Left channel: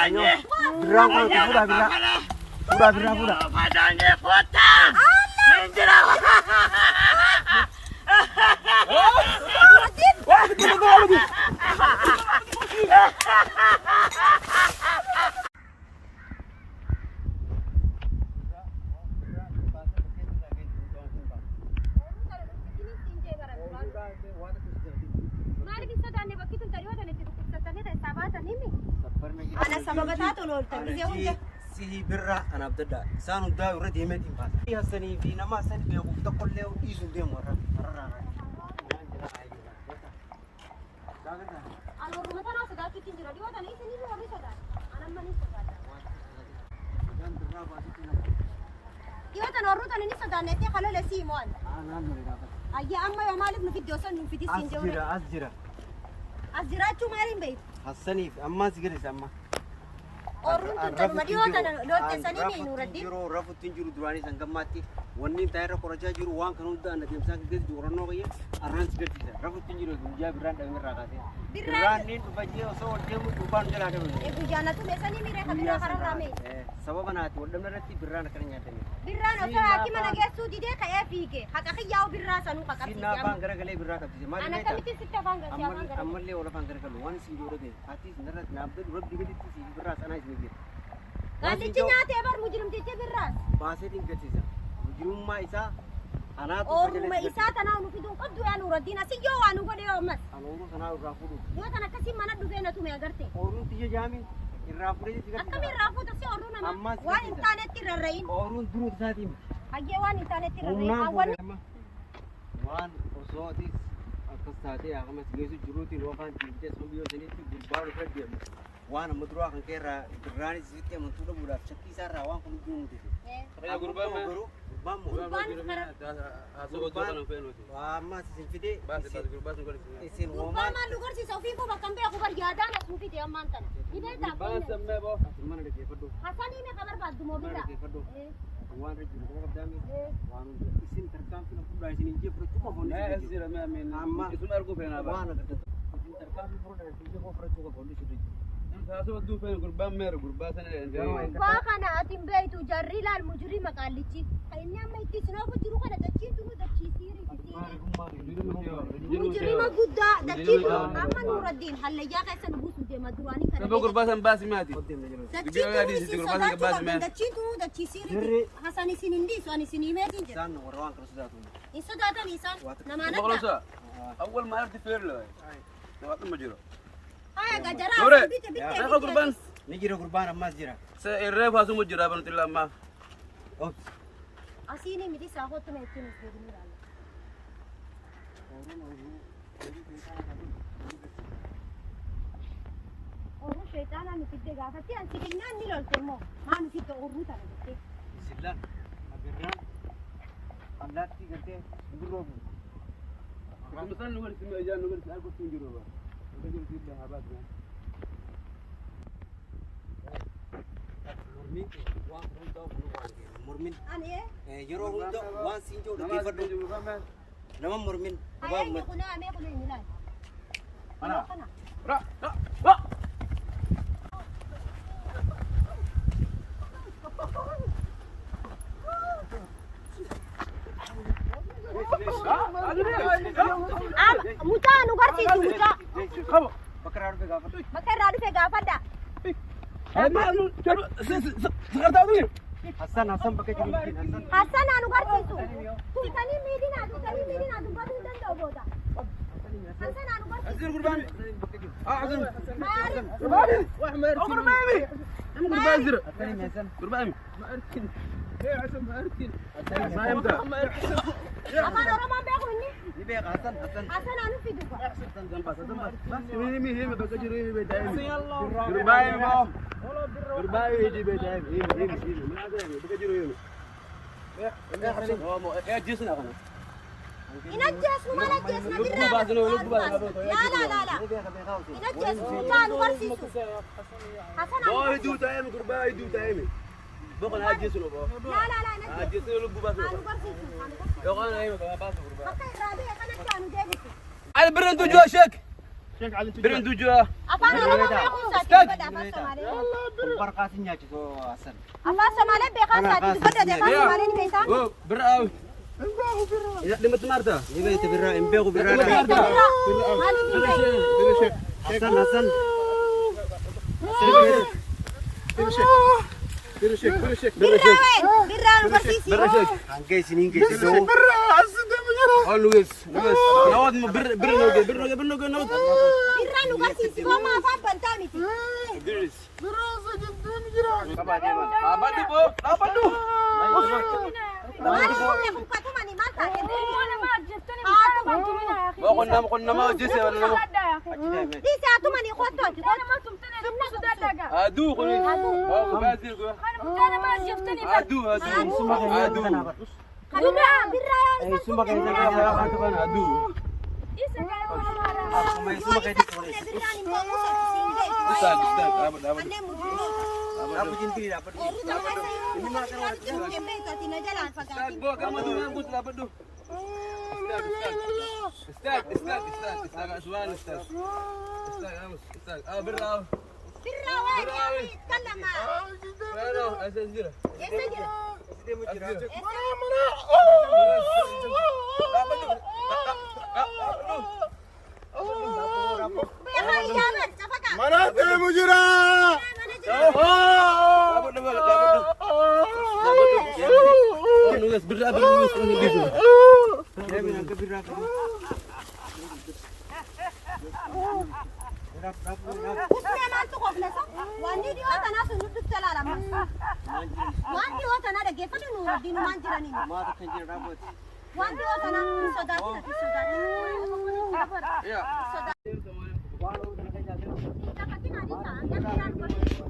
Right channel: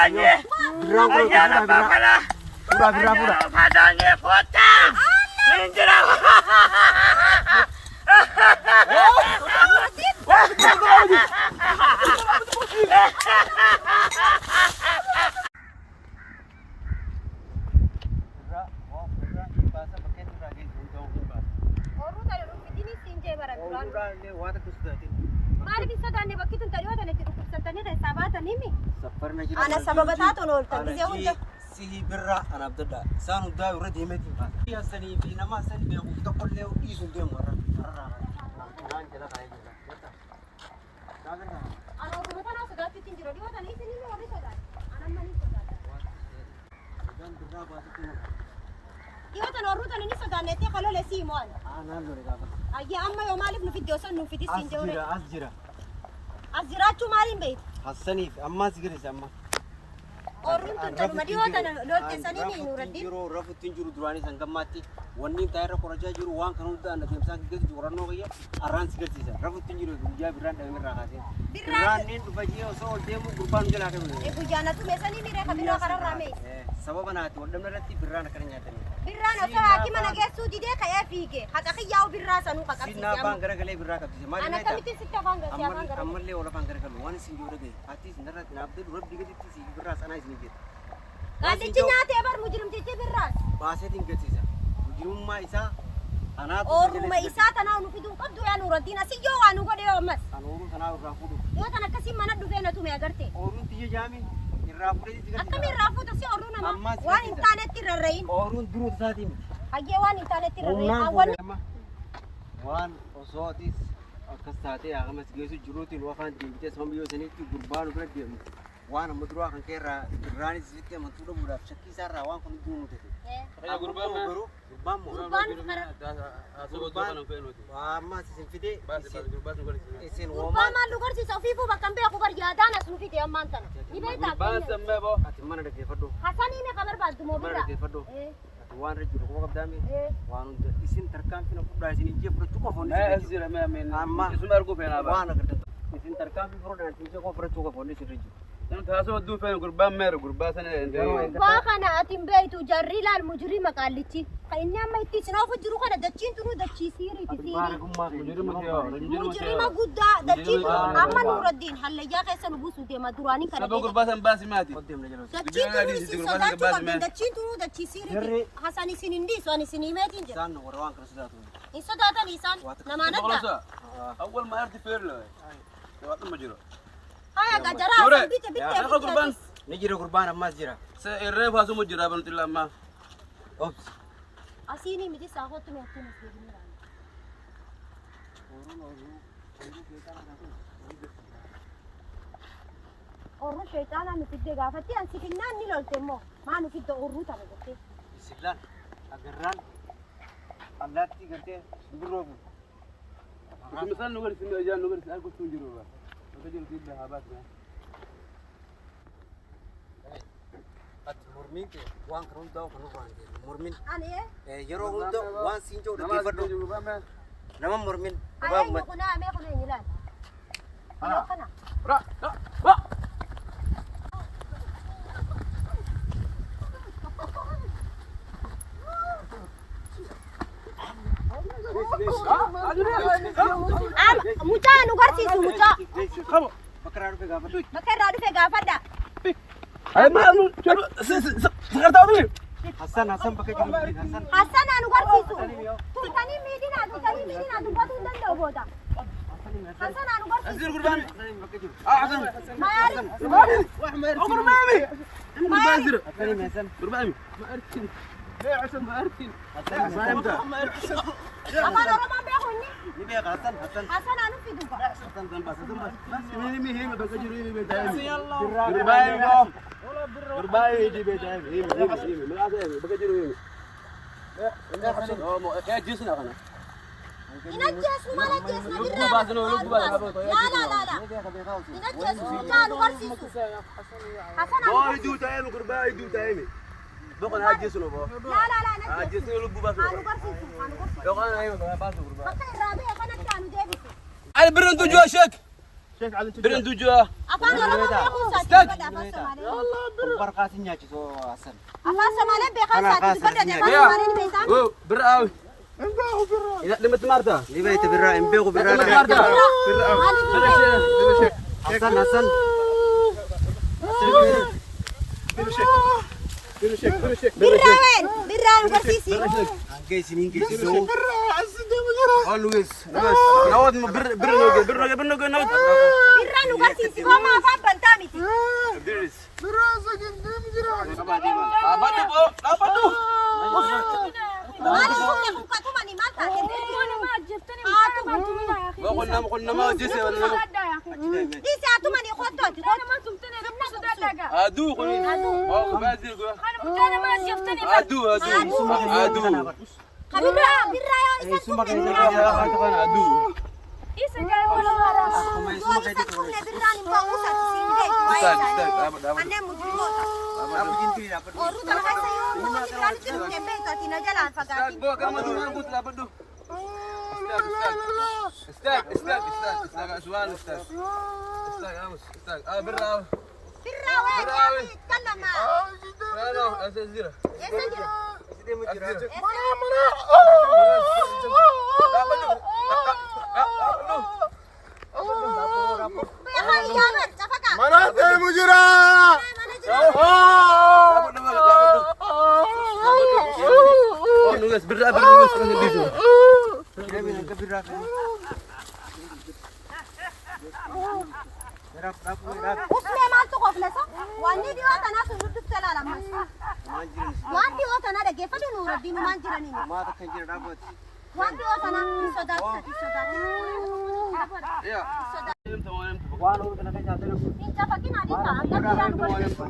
Padanya. Birra Padanya kota. Ninjira. أنا سببتها تنول تبزي سيه برا أنا بدأ سانو دا ورد يمتين باس يا سني في نما سني بيقول تقول له إيزن ديم ورا أنا وقفتنا سدات تنجرا دي وأنا إيش نيجي وري سدات أنا ما نيجي سدات دي وأنا نروح أنا نيجي سدات نتي خلوا لسيمون أنا نوري كافر أجي أما يوم مالك نفيد يوصل نفيد السنجوري أزجرا شو مالين بيت حسني أما سيجري أما أورون تنتظر ما دي وأنا لو تسني مين وردي رفض تنجرو دراني سانغماتي وني تاير كوراجا جرو وان كانوا دا أنا ديم سانغ جز جورانو غيا أرانس جرتيسا رفض تنجرو وجا بران دا مير راكاسي بران نين تبجي أو ديم قربان جلا كده إيه بجانا تو مسني ميره خبيرة خراب رامي سبب أنا أتي ودم نرتي بران كرنيا تاني بران أصلا أكيد ما نجس سودي ده كيا فيك حتى كيا وبران سانو كاكا سينا بانغرا كله بران كابتن ما أنا كم تسيت بانغرا أمر لي ولا بانغرا كله وان سنجورة ده أتي نرت نابد رب ديجا تيسي بران أنا إزنيجر كان تجينا تبر مجرم تيجي بران باسه تيجا مجرم ما إسا أنا أو ما إسات أنا ونفيدون قدو يا نور الدين أسيجوا وانو قد يوم مس أنا أورو سنا الرافودو يا أنا كسي ما ندو فينا تومي أقرتي أورون تيجي جامي الرافودو تيجي أكمل رافو تسي أورون أنا وان إنترنت تررين أورون درو تساتيم أجي وان إنترنت تررين أول وان أصواتيس أكستاتي أغمس جيسو جروتي الوفان تيجي سامبيو سنيتي قربان وفرديم وانا مدروع كان كيرا دراني زيتي من طول بودا شكي سارة وان كن دون تدي يا قربان وما سنفيدي إسين وما ومان ما لغر سي سوفيفو بكم بيا خبر جادان سوفيتي أمان تنا نبيتا قربان سمي بو أتمنى لك يفدو حسني نه خبر بعد مو أتمنى بدا لك يفدو وان رجل كم قدامي وان إسين تركان فينا فودا إسين يجيب له تكو فوني ما أزير ما من أما اسمه أرجو فينا بقى وانا كده إسين تركان في فودا إسين يجيب له تكو فوني إسين رجل أنت هاسو ودو فين قربان مير قربان سنة واخنا أتم بيتو جري لا المجرم قالتي خينا ما يتسنا فجرو خنا دچين تنو دچي سيري تسيري مجرم قدا دچين أما نور الدين هل يا كيس نبوسو دي ما دراني كنا سبب قربان باسي ماتي دچين تنو دچي سيري حسني سنندي سواني سني ماتين جر سان وروان كرسداتو إنسان داتا لسان نمانا خلاص أول ما أرتي فير له توات مجرو هاي جرا بيت أنا قربان نجري قربان أما زيرا سيرف هاسو مجرا بنت الله ما أوبس أسيني مدي ساقط تميتين أورو شيطان أنا تيجي قافتي أنت كنا نيلول تمو ما نسيت أورو ترى بتي سلان أجران الله تيجي بروبو مثلا نقول اسمه جان نقول اسمه كنت مجرو بقى وكجرو تجيب لها بات ما مرمين وان كروي داو كنو وان مرمين أنا يرو هم داو وان سينجو دكتي فدو نما مرمين أيه يكون أمي يكون نيلان أنا را را كانوا قرصي خبر بكرة في غافر بكر رادو في غافدا أي ما سكرت أقولي حسن بكرة جلوس حسن أنا قرصي تو تاني ميدين أدو بدون دندو بودا حسن أنا قرصي أزير قربان بكرة حسن ما يعرف واحد ما يرتين قربان قربان زر قربان ما أرتين ليه عشان ما أرتين ما يمتى أما نورمان بيخوني نبي حسن حسن أنا في دوبا حسن زنبا بس مين هي بكجر هي بيتاعي قربان بو قربان يجي بيتاعي هي ما أدري بكجر هي يا جسنا أنا ينجس ما نجس لا ينجس كانوا قرصي حسن ما يدو تايم قربان يدو تايم بقول هاي جسنا بو لا جسنا لبوا بس كانوا قرصي يا قانا أيوة بس قربان بكر رابع كانوا جابوا أنا برنتو جوشك شيك على برن دوجا Afaan Oromoo beekuun Stag. saatii badda afaan Somaalee. Barqaasin nyaachisu asan. Afaan Somaalee beekan saatii badda afaan يا Somaalee ni beekan. او براوي اذا لما تمارتا Ni beete birraa hin beeku birraa لما dha. تمارتا Maaliif hin برا beekan? شيء Hasan Hasan. Birraan barsiisii. برا شيء Hanga isiniin geessisu. always بس نود بر نوجي بر نوجي بر نوجي نود Birraan nu barsiisii homaa afaan bantaa miti. درس Qabaa deeman. abadu bo abadu Maaliif humna kun katumani maal taate? قلنا ما جسي ولا Dhiisi hatumani qottooti. ادو قولي او بازل ادو ادو Birraa yoo isa Suma kan ادو ادو Suma yoo isa tumne birraan hin ba'u saatii siin استاذ ga'e. استاذ ابد ابد Manneen mujjitoota. Abu jintu ya apa? Oorru takka isa yoo birraan jiru hin beekati na jalaan استاذ fagaatiin. بو كم دو قلت لا بدو استاذ استاذ استاذ استاذ سؤال استاذ استاذ امس استاذ برا Birraa waa jaami kallama. انا اسزيره Eessa jira? Sidee mu jira? لا بدو Beekaa ijaabar cafaka. مناطق مجرى Mana jira? Kira bilang ke birraa kan. Rap rap rap. Uflee maaltu qoflasa? Wanni dhiyoo tanaa sun nutti talaalamas. Maan jiran. Waan dhiyoo tanaa dhaggeeffatu nuuraddiin maan jiraniin. Maata kan jira dhaabati. Waan dhiyoo tanaa hin sodaatina hin sodaatina. Waan uumta na kan jaalatani. Hin cafakin adiisa hanga birraa nu barsiisu.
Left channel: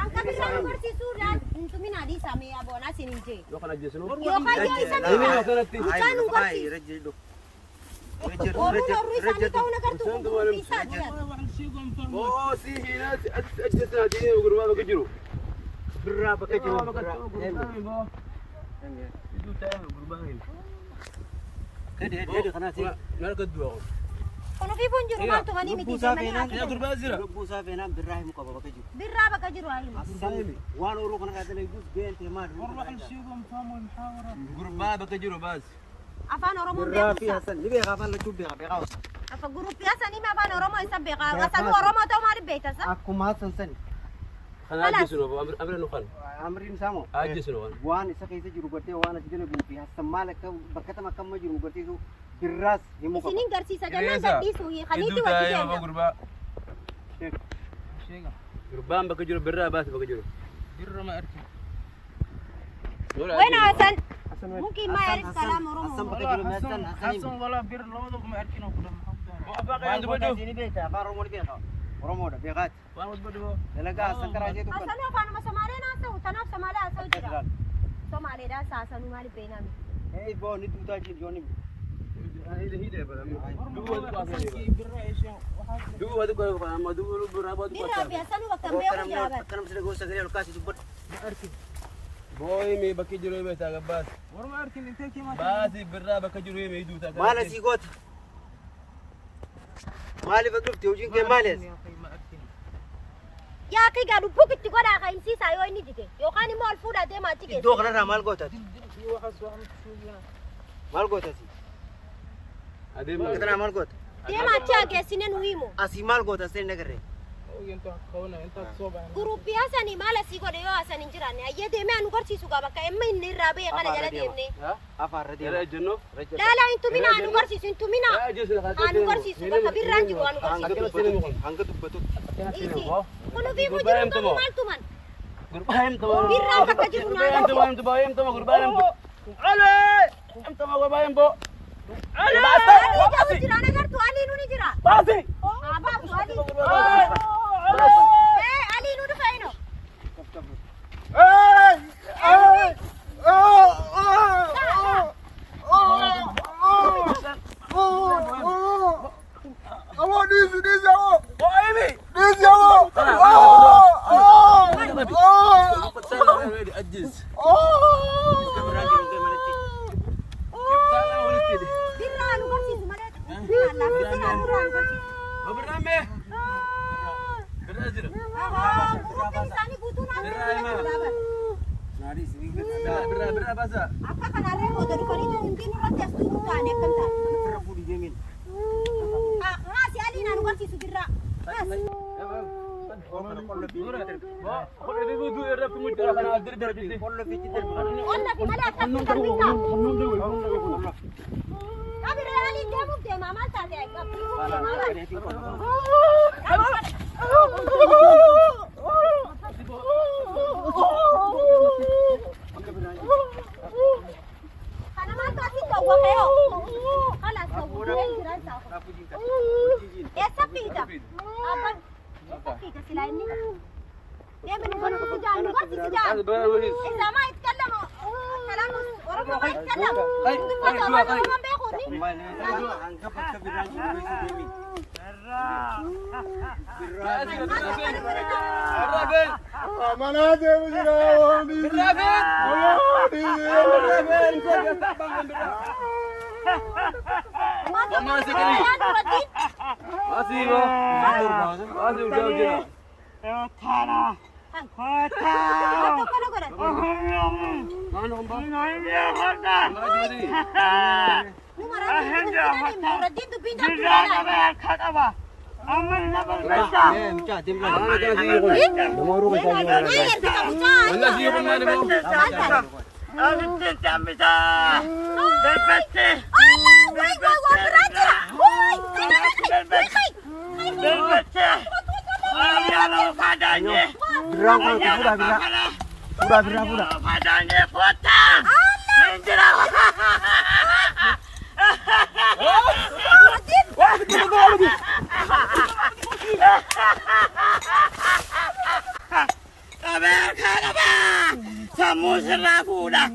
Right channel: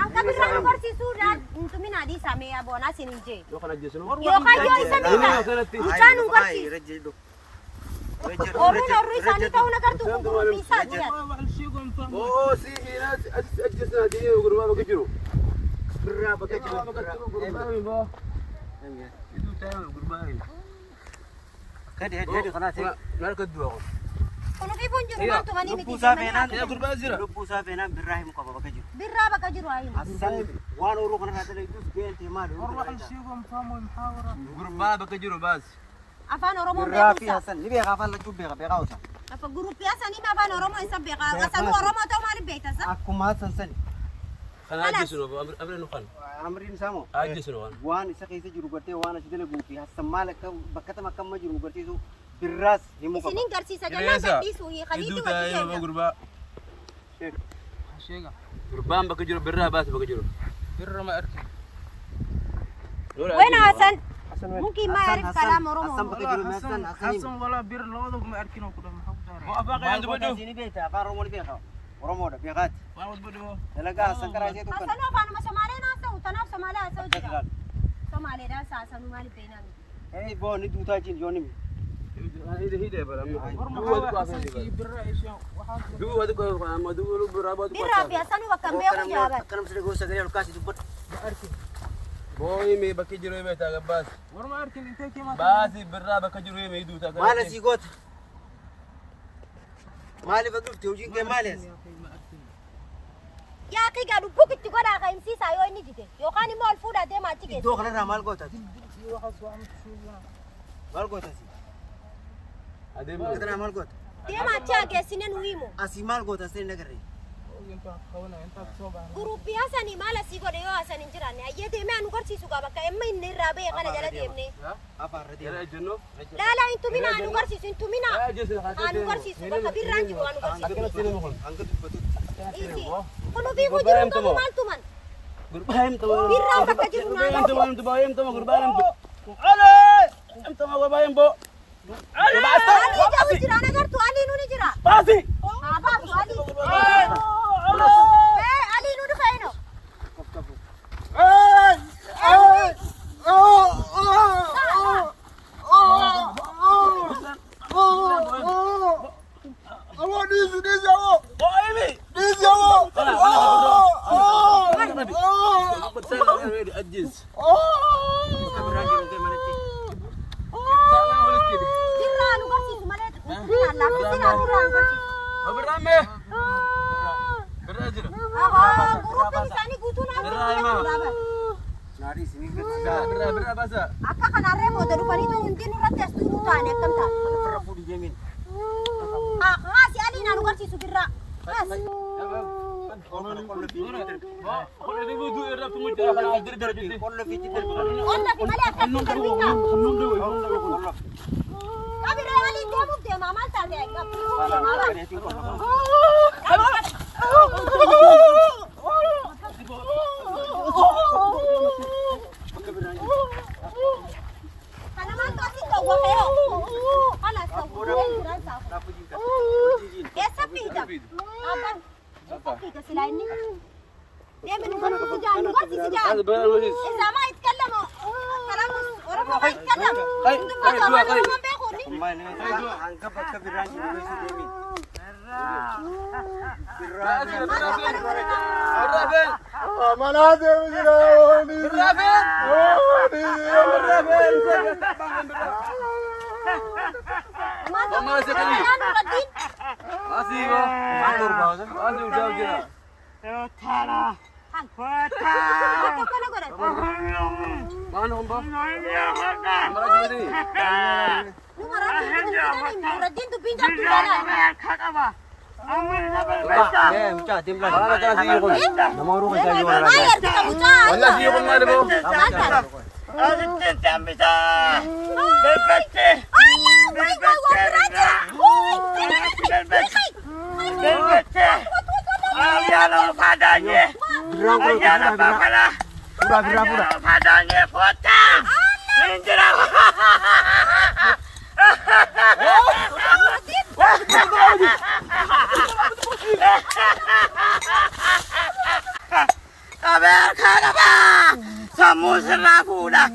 Hanga birraa nu barsiisuudhaan hin tumin adiisa mee aboonaa sin hin jee. Yookaan yoo isa bishaan nu barsiisu. Rajji dok. Oorruun oorruu isaanii ta'uu nagartu kun gurguruu isaa jiran. Birraa bakka jiru. Kadi hadi kana sih. Kunuunfii kun jiru maaltu manii miti. Lubbuu isaa feenaan. Lubbuu isaa feenaan birraa himu qaba bakka jiru. Birraa bakka jiru haa himu. Asan waan uruu kana irraa dalaguus geente maali? Afaan Oromoo Birraa fi beekumsa. Hasan ni beekaa afaan lachuu beeka beekaa osa. Afa guruppii asanii mee afaan Oromoo isa beekaa. Asanuu Oromoo ta'uu maaliif beektasa? Akkuma Hasan sani. Amriin isaa moo? Waan isa keessa jiru gartee waan achi dalaguu fi Hasan maal akka bakka tam akka amma jiru garsiisu birraas himuu qaba. Isiniin garsiisa jennaan gadhiisuu hiikaniitu wajji keenya. gurbaan bakka jiru birraa baase bakka jiru Wena Hasan. Mungkin ma yarif kalam Hasan Oromoo. bakka jiru Hasan Hasan. Maal godhaa sini beekta afaan Oromoo ni beeka. Oromoodha beekaati. Dalagaa Hasan karaa ishee tuqqan. Hasanuu afaanuma Somaalee naasa'u. Tanaaf Somaalee haasa'u jira. Somaaleedhaan hasanuu maaliif beeknaan? Hey boo ni duutaa jiru yoo nimi. Birraa fi hasanuu bakka hin beeku jaaban. Akkanam siree gosa sagalee olkaasii dubbadhu. booyi mee bakki jiru himee taaga baasi baasi birraa bakka jiru himee hiduu taaga Maal asii goota? Maaliif as dhufte hojiin kee maali as? Yaa kigaa lubbuu itti godhaa ka'imsiisaa yoo inni jige yookaan immoo ol fuudhaa deemaa achi geessu. Iddoo kanarraa maal gootaati? Maal gootaati? adeema Kanarraa maal goota? Deemaa achi haa geessine nu himu. Asii maal goota as ta'e hin agarree? Guruppii hasanii maal asii godhe yoo hasan hin jiraanne ayyee deemee anu garsiisu qaba akka emma inni irraa ba'e kana jala deemne. Afaarra yara deema. ejjennoo Laalaa hin tumina anu garsiisu hin tumina. Anu garsiisu bakka birraan jiru anu garsiisu. Hanga dubbatutti. Kunuunfii kun jiru tokko maal tuman? gurbaa himtama Birraa bakka jiru gurbaa naannoo. himtama gurbaa himtama ale himtama gurbaa himbo ale baasa baasi Jira nagartu Ali nu ni jira. baasi Haa baatu Ali. Ali nu dhufa ino. Kaf kaf. Birraa nu garsiisu malee me. Birra jira. Gruupin isaanii guutuu naannoo Nari sini Birra basa. akka kanarree booda dhufanii hundi nurratti as tuutu taane akkam taane. Firra fuudhi deemin. Haasi alii naan agarsiisu birraa. Qolli bibuutu irra fumuudhaa kana dirdirbitti. Qollo fiichi darbi. Olla fi malee akkatti darbinaa. Qabiree alii deemuuf deemaa maal taate? Kana maal taati ta'uu fe'oo? Haala ta'uu jiran taa'u. Eessa fiida? Abban eessa fiida silaa inni? Deemini kana sijaan gosi sijaan. Isa maa itkallama? Kalamus Oromoo maa itkallama? Dubbata waan Oromoo beekuuni? Hanga bakka biraan jiru beeksuu deemin. Amanate mujira wani. Mama sekali. Masih bro. Motor baasa. Masih udah jira. Mana kumpa? Mana cuma ni? Minta timlan. Mana jangan sih kau? Nomor rumah saya jual lagi. Allah sih kau mana bro? Kabar, kabar, semua serah pulang.